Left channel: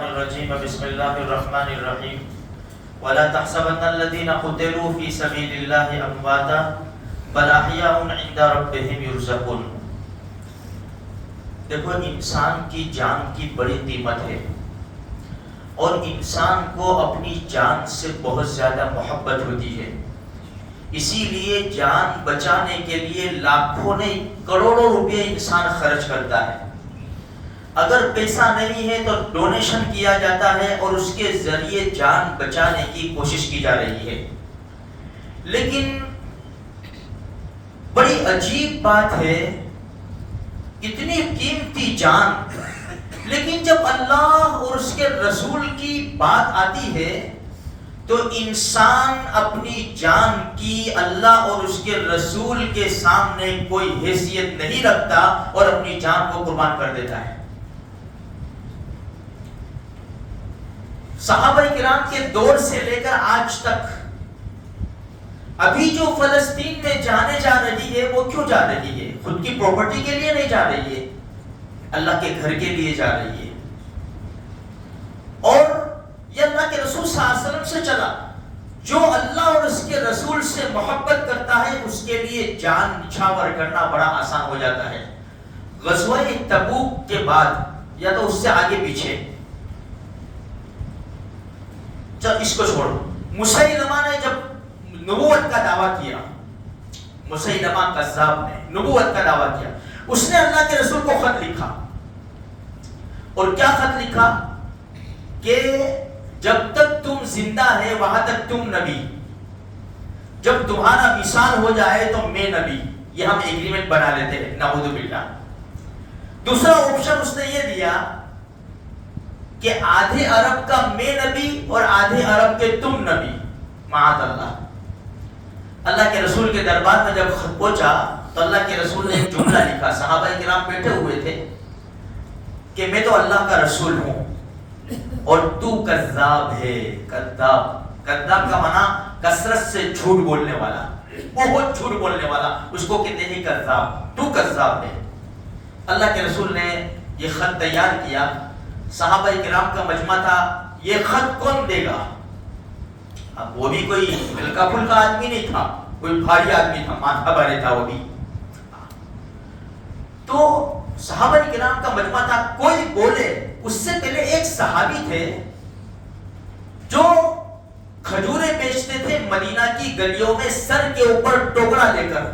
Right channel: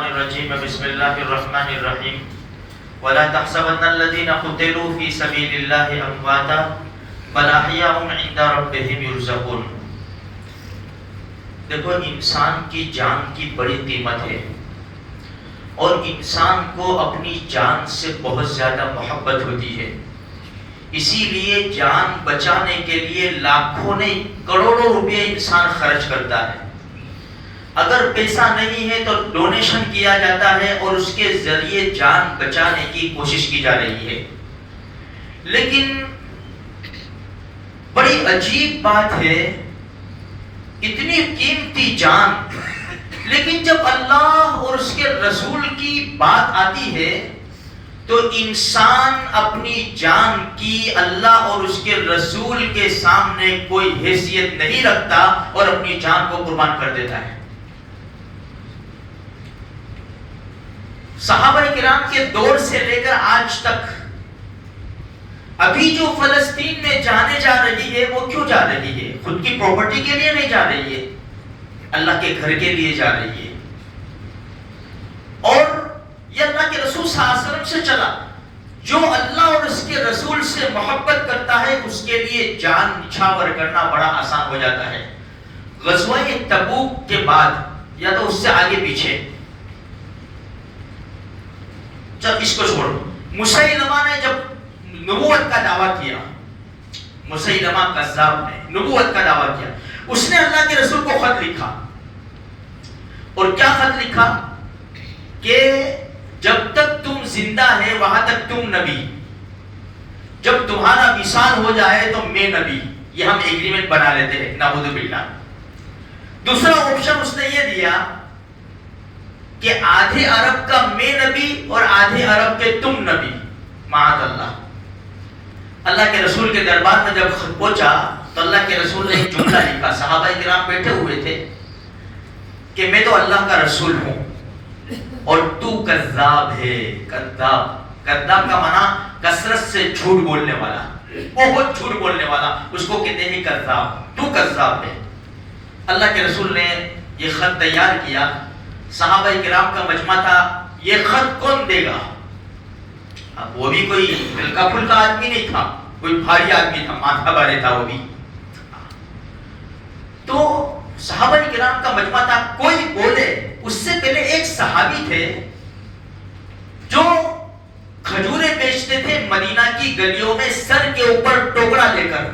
الرجیم بسم اللہ الرحمن الرحیم ولا تحسبن الذين قتلوا في سبيل الله امواتا بل احیاء عند ربهم يرزقون۔ دیکھو، انسان کی جان کی بڑی قیمت ہے اور انسان کو اپنی جان سے بہت زیادہ محبت ہوتی ہے، اسی لیے جان بچانے کے لیے لاکھوں نہیں کروڑوں روپے انسان خرچ کرتا ہے۔ اگر پیسہ نہیں ہے تو ڈونیشن کیا جاتا ہے اور اس کے ذریعے جان بچانے کی کوشش کی جا رہی ہے۔ لیکن بڑی عجیب بات ہے، اتنی قیمتی جان، لیکن جب اللہ اور اس کے رسول کی بات آتی ہے تو انسان اپنی جان کی اللہ اور اس کے رسول کے سامنے کوئی حیثیت نہیں رکھتا اور اپنی جان کو قربان کر دیتا ہے۔ صحابہ کرام کے دور سے لے کر آج تک ابھی جو فلسطین میں جانے جا رہی ہے وہ کیوں جا رہی ہے؟ خود کی پراپرٹی کے لیے نہیں جا رہی ہے، اللہ کے گھر کے لیے جا رہی ہے۔ اور یہ اللہ کے رسول صلی اللہ علیہ وسلم سے چلا، جو اللہ اور اس کے رسول سے محبت کرتا ہے اس کے لیے جان نچھاور کرنا بڑا آسان ہو جاتا ہے۔ غزوہ تبوک کے بعد یا تو اس سے آگے پیچھے، جب اس کو چھوڑ، مسیلمہ نے جب نبوت کا دعویٰ کیا، مسیلمہ کذاب نے نبوت کا دعویٰ کیا، اس نے اللہ کے رسول کو خط لکھا، اور کیا خط لکھا کہ جب تک تم زندہ ہے وہاں تک تم نبی، جب تمہارا وصال ہو جائے تو میں نبی، یہ ہم ایگریمنٹ بنا لیتے ہیں، نعوذ باللہ۔ دوسرا آپشن اس نے یہ دیا کہ آدھے عرب کا میں نبی اور آدھے عرب کے تم نبی، معاذ اللہ۔ اللہ کے رسول کے دربار میں جب خط پہنچا تو اللہ کے رسول نے ایک جملہ لکھا، صحابہ کرام بیٹھے ہوئے تھے کہ میں تو اللہ کا رسول ہوں اور تو کذاب ہے۔ کذاب کا معنی کثرت سے جھوٹ بولنے والا، بہت جھوٹ بولنے والا، اس کو کہتے ہیں کذاب، تو کذاب ہے۔ اللہ کے رسول نے یہ خط تیار کیا، صحابہ کرام کا مجمع تھا، یہ خط کون دے گا؟ اب وہ بھی کوئی ہلکا پھلکا آدمی نہیں تھا، کوئی بھاری آدمی تھا، ماتھا بھارے تھا وہ بھی۔ تو صحابہ کرام کا مجمع تھا، کوئی بولے۔ اس سے پہلے ایک صحابی تھے جو کھجوریں بیچتے تھے مدینہ کی گلیوں میں سر کے اوپر ٹوکرا لے کر،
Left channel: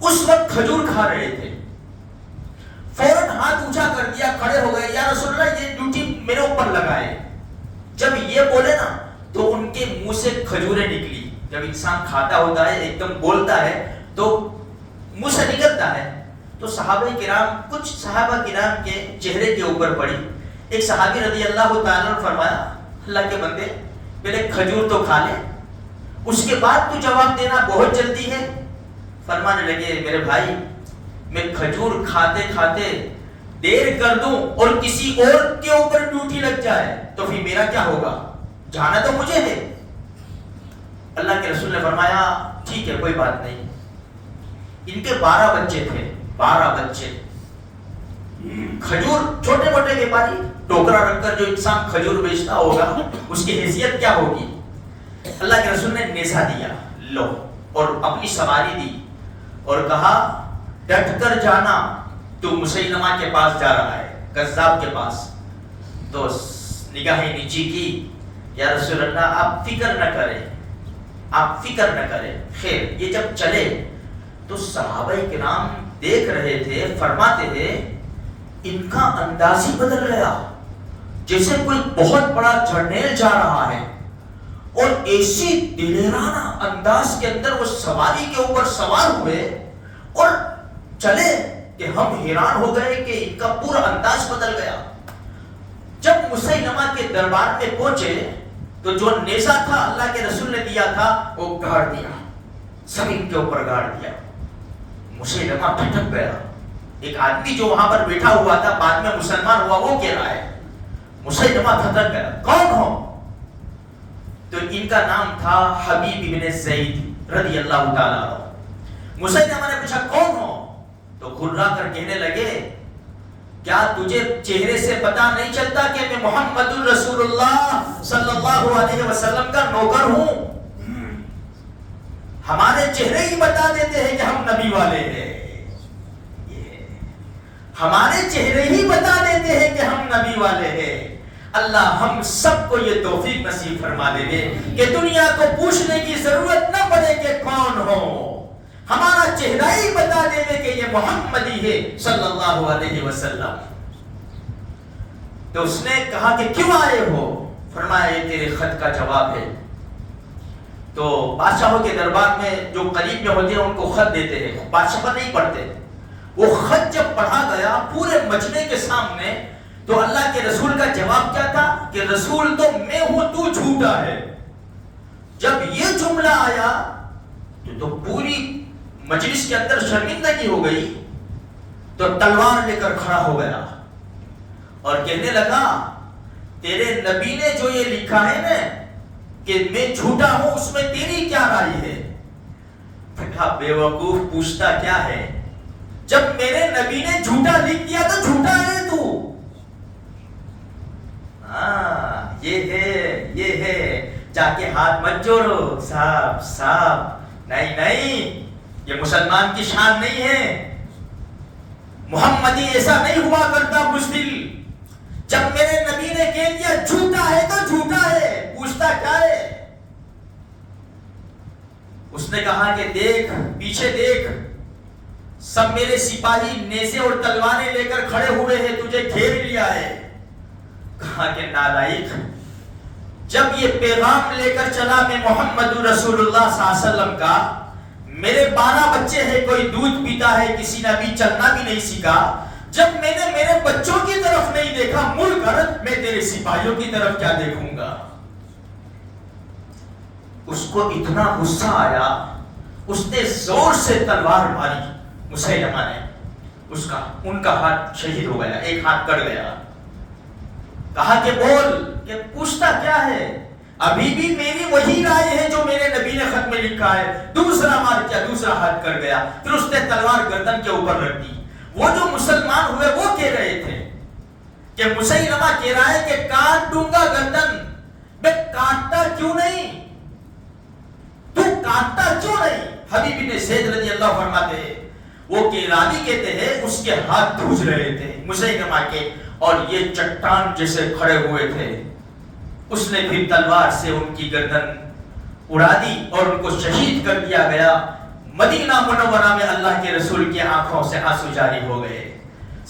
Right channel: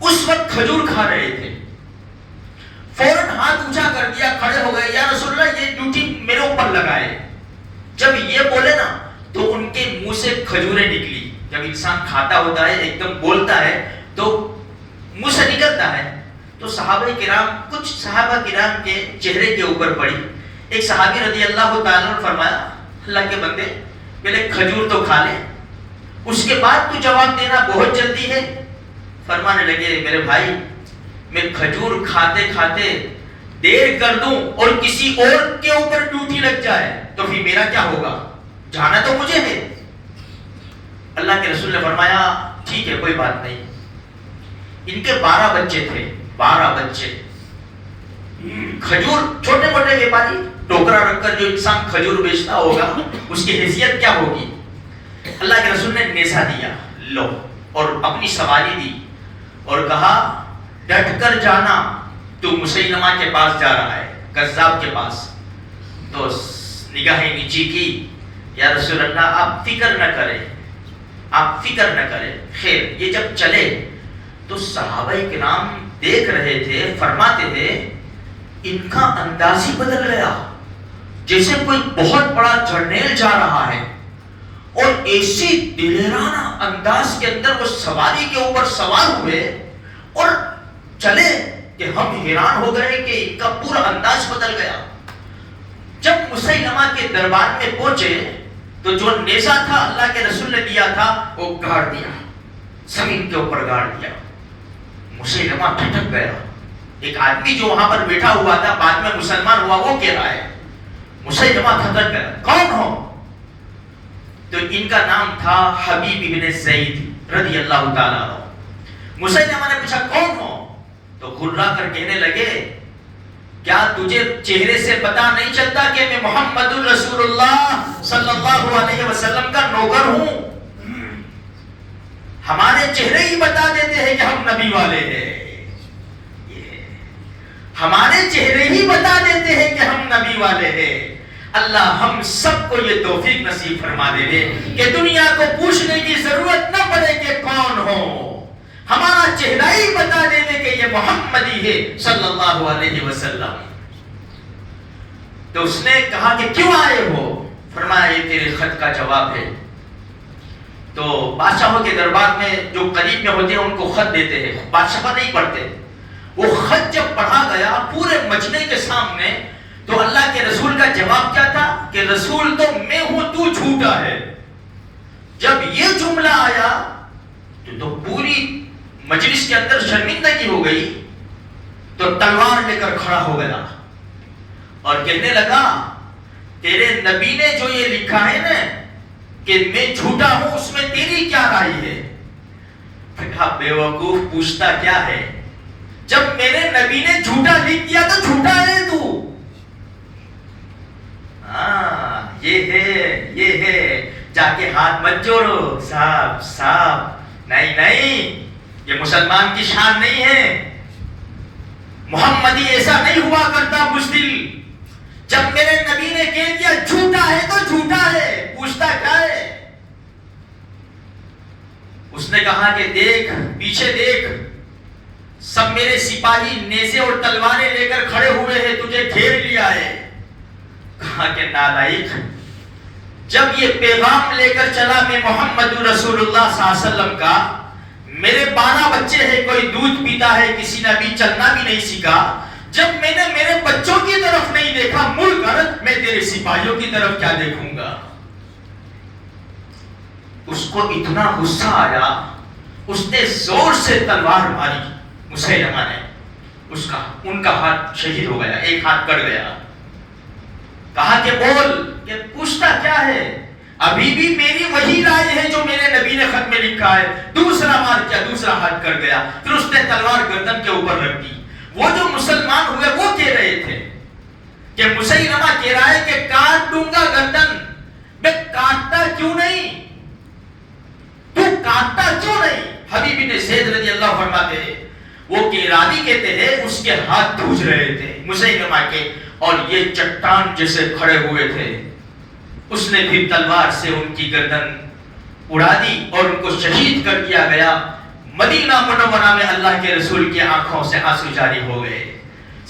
اس وقت کھجور کھا رہے تھے۔ فوراً ہاتھ اونچا کر دیا، کھڑے ہو گئے، یا رسول اللہ یہ ڈیوٹی میرے اوپر لگائے۔ جب یہ بولے نا تو ان کے منہ سے کھجوریں نکلی۔ جب انسان کھاتا ہوتا ہے ایک دم بولتا ہے تو منہ سے نکلتا ہے، تو کچھ صحابہ کرام کے چہرے کے اوپر پڑی۔ ایک صحابی رضی اللہ تعالیٰ نے فرمایا، اللہ کے بندے پہلے کھجور تو کھا لے، اس کے بعد تو جواب دینا بہت جلدی ہے۔ فرمانے لگے، میرے بھائی میں کھجور کھاتے کھاتے دیر کر دوں اور کسی اور کے اوپر ڈیوٹی لگ جائے تو پھر میرا کیا ہوگا؟ جانا تو مجھے ہے۔ اللہ کے رسول نے فرمایا ٹھیک ہے، کوئی بات نہیں۔ ان کے 12 بچے تھے، 12 بچے، کھجور، چھوٹے موٹے بیپاری، ٹوکرا رکھ کر جو انسان کھجور بیچتا ہوگا اس کی حیثیت کیا ہوگی؟ اللہ کے رسول نے نیزہ دیا، لو، اور اپنی سواری دی اور کہا ڈٹ کر جانا، تو مسیلمہ کے پاس جا رہا ہے، کذاب کے پاس۔ تو نگاہیں نیچی کی، یا رسول اللہ آپ فکر نہ کریں، آپ فکر نہ کریں۔ خیر، یہ جب چلے تو صحابہ کرام دیکھ رہے تھے، فرماتے تھے ان کا انداز ہی بدل گیا، جیسے کوئی بہت بڑا جرنیل جا رہا ہے، اور ایسی دلیرانہ انداز کے اندر وہ سواری کے اوپر سوار ہوئے اور چلے کہ ہم حیران ہو گئے کہ ان کا پورا انداز بدل گیا۔ جب مسیلمہ کے دربار میں پہنچے تو جو نیزہ تھا اللہ کے رسول نے دیا تھا وہ گاڑ دیا، زمین کے اوپر گاڑ دیا۔ مسیلمہ بھٹک گیا۔ ایک آدمی جو وہاں پر بیٹھا ہوا تھا بعد میں مسلمان ہوا، وہ کہہ رہا ہے، مسیلمہ بھٹک گیا، کون ہو؟ تو ان کا نام تھا حبیب ابن زید رضی اللہ تعالیٰ عنہ۔ مسیلمہ نے پوچھا کون ہو؟ تو گھرا کر کہنے لگے کیا تجھے چہرے سے پتا نہیں چلتا کہ میں محمد رسول اللہ صلی اللہ علیہ وسلم کا نوکر ہوں؟ ہمارے چہرے ہی بتا دیتے ہیں کہ ہم نبی والے ہیں، ہمارے چہرے ہی بتا دیتے ہیں کہ ہم نبی والے ہیں۔ اللہ ہم سب کو یہ توفیق نصیب فرما دے دے کہ دنیا کو پوچھنے کی ضرورت نہ پڑے کہ کون ہو، ہمارا چہرہ ہی بتا دے دے کہ یہ محمدی ہے صلی اللہ علیہ وسلم۔ تو اس نے کہا کہ کیوں آئے ہو؟ فرمایا یہ تیرے خط کا جواب ہے۔ تو بادشاہوں کے دربار میں جو قریب میں ہوتے ہیں ان کو خط دیتے ہیں، بادشاہ نہیں پڑھتے۔ وہ خط جب پڑھا گیا پورے مجمع کے سامنے، تو اللہ کے رسول کا جواب کیا تھا کہ رسول تو میں ہوں، تو جھوٹا ہے۔ جب یہ جملہ آیا تو پوری مجلس کے اندر شرمندگی ہو گئی، تو تلوار لے کر کھڑا ہو گیا اور کہنے لگا تیرے نبی نے جو یہ لکھا ہے نا کہ میں جھوٹا ہوں، اس میں تیری کیا رائے ہے؟ کہا بے وقوف، پوچھتا کیا ہے؟ جب میرے نبی نے جھوٹا لکھ دیا تو جھوٹا ہے تو۔ ہاں یہ ہے، جا کے ہاتھ مت جوڑو صاحب، نہیں، یہ مسلمان کی شان نہیں ہے۔ محمدی ایسا نہیں ہوا کرتا بزدل۔ جب میرے نبی نے کہہ دیا جھوٹا ہے تو جھوٹا ہے، پوچھتا کیا ہے؟ اس نے کہا کہ دیکھ، پیچھے دیکھ، سب میرے سپاہی نیزے اور تلواریں لے کر کھڑے ہوئے ہیں، تجھے گھیر لیا ہے۔ کہا کہ نالائق، جب یہ پیغام لے کر چلا میں محمد رسول اللہ صلی اللہ علیہ وسلم کا، میرے 12 بچے ہیں، کوئی دودھ پیتا ہے، کسی نے ابھی چلنا بھی نہیں سیکھا، جب میں نے میرے بچوں کی طرف نہیں دیکھا مڑ کر، میں تیرے سپاہیوں کی طرف کیا دیکھوں گا؟ اس کو اتنا غصہ آیا، اس نے زور سے تلوار ماری، مسیلمہ نے، ان کا ہاتھ شہید ہو گیا، ایک ہاتھ کٹ گیا۔ کہا کہ بول، کہ پوچھتا کیا ہے؟ ابھی بھی میری وہی رائے ہے جو میرے نبی نے خط میں لکھا ہے۔ دوسرا مار کیا، دوسرا ہاتھ کٹ گیا، پھر اس نے تلوار گردن کے اوپر رکھ دی۔ وہ جو مسلمان ہوئے وہ کہہ رہے تھے کہ مسیلمہ کہہ رہا ہے کہ کاٹ دوں گا گردن، میں کاٹتا کیوں نہیں؟ تو کاٹتا کیوں نہیں؟ حبیب بن زید رضی اللہ فرماتے ہیں وہ کیرانی کہتے ہیں اس کے ہاتھ دھوج رہے تھے مسیلمہ کے، اور یہ چٹان جیسے کھڑے ہوئے تھے۔ اس نے پھر تلوار سے ان کی گردن اڑا دی اور ان کو شہید کر دیا گیا۔ مدینہ منورہ میں اللہ کے رسول کی آنکھوں سے آنسو جاری ہو گئے۔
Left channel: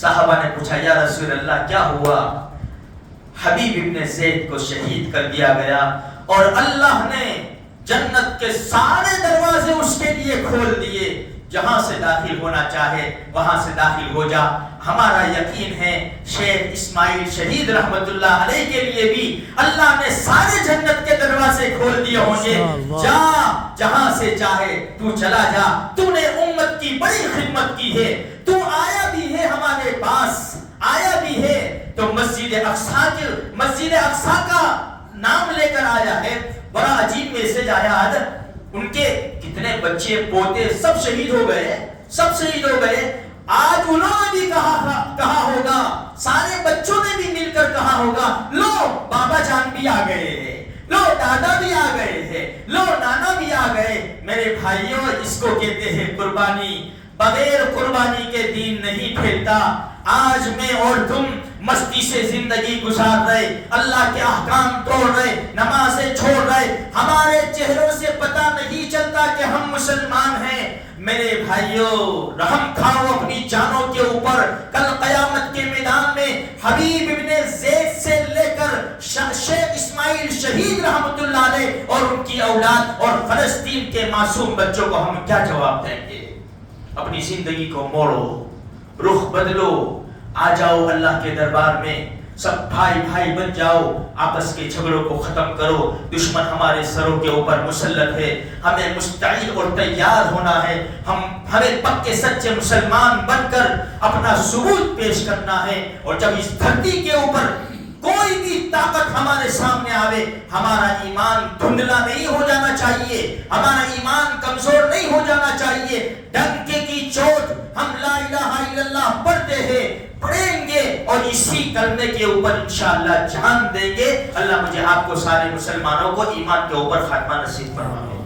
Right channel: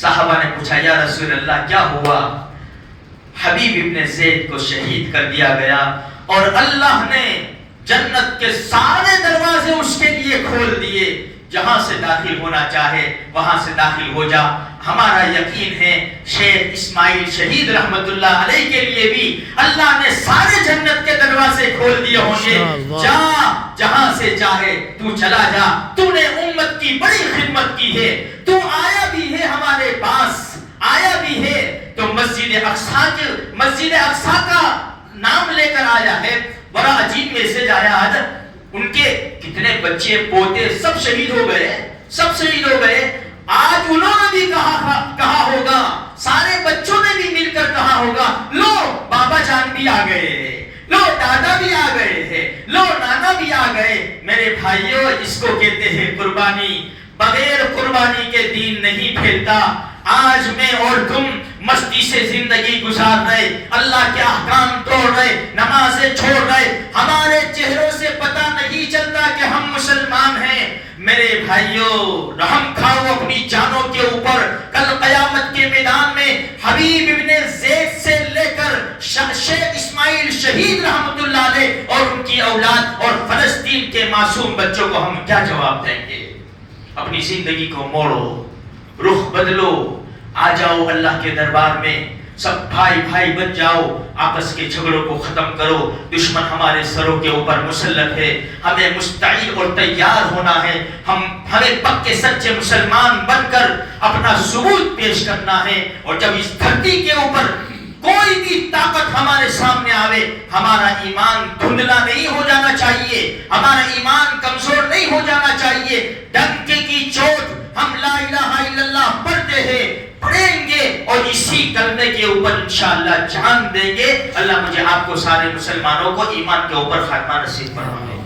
صحابہ نے پوچھا یا رسول اللہ کیا ہوا؟ حبیب ابن زید کو شہید کر دیا گیا اور اللہ نے جنت کے سارے دروازے اس کے لیے کھول دیے، جہاں سے داخل ہونا چاہے وہاں سے داخل ہو جا۔ ہمارا یقین ہے شیخ اسماعیل شہید رحمت اللہ علیہ کے لیے بھی اللہ نے سارے جنت کے دروازے کھول دیے ہوں گے۔ جا جہاں سے چاہے تو چلا جا، تو نے امت کی بڑی خدمت کی ہے، تو آیا بھی ہے ہمارے پاس، آیا بھی ہے تو مسجد اقصی کا نام لے کر آیا ہے۔ بڑا عجیب میسج آیا آج، ان کے کتنے بچے پوتے سب شہید ہو گئے۔ آج انہوں نے بھی کہا ہوگا، سارے بچوں نے بھی مل کر کہا ہوگا، لو بابا جان بھی آ گئے، لو دادا بھی آ گئے ہیں، لو نانا بھی آ گئے۔ میرے بھائیوں، اس کو کہتے ہیں قربانی۔ بغیر قربانی کے دین نہیں پھیلتا۔ آج میں اور تم مستی سے زندگی گزار رہے، اللہ کے احکام توڑ رہے، نمازیں چھوڑ رہے، ہمارے چہروں سے پتہ نہیں چلتا کہ ہم مسلمان ہیں۔ میرے بھائیوں، رحم کھاؤ اپنی جانوں کے اوپر۔ کل قیامت کے میدان میں حبیب ابن زید سے لے کر شیخ اسماعیل شہید رحمت اللہ علیہ اور ان کی اولاد اور فلسطین کے معصوم بچوں کو ہم کیا جواب دیں گے؟ اپنی زندگی کو موڑو، رخ بدلو، آ جاؤ اللہ کے دربار میں، سب بھائی بن جاؤ، آپس کے جھگڑوں کو ختم کرو۔ دشمن ہمارے سروں کے اوپر مسلط ہے، ہمیں مستعد اور تیار ہونا ہے۔ ہمیں پکے سچے مسلمان بن کر اپنا ثبوت پیش کرنا ہے، اور جب اس دھرتی کے اوپر کوئی بھی طاقت ہمارے سامنے آوے، ہمارا ایمان دھندلا نہیں ہو جانا چاہیے، ہمارا ایمان کمزور نہیں ہو جانا چاہیے۔ ڈنکے کی چوٹ ہم لا الہ الا اللہ پڑھتے ہیں، پڑھیں گے اور اسی کلمے کے اوپر انشاءاللہ جان دیں گے۔ اللہ مجھے آپ کو سارے مسلمانوں کو ایمان کے اوپر خاتمہ نصیب فرمائے۔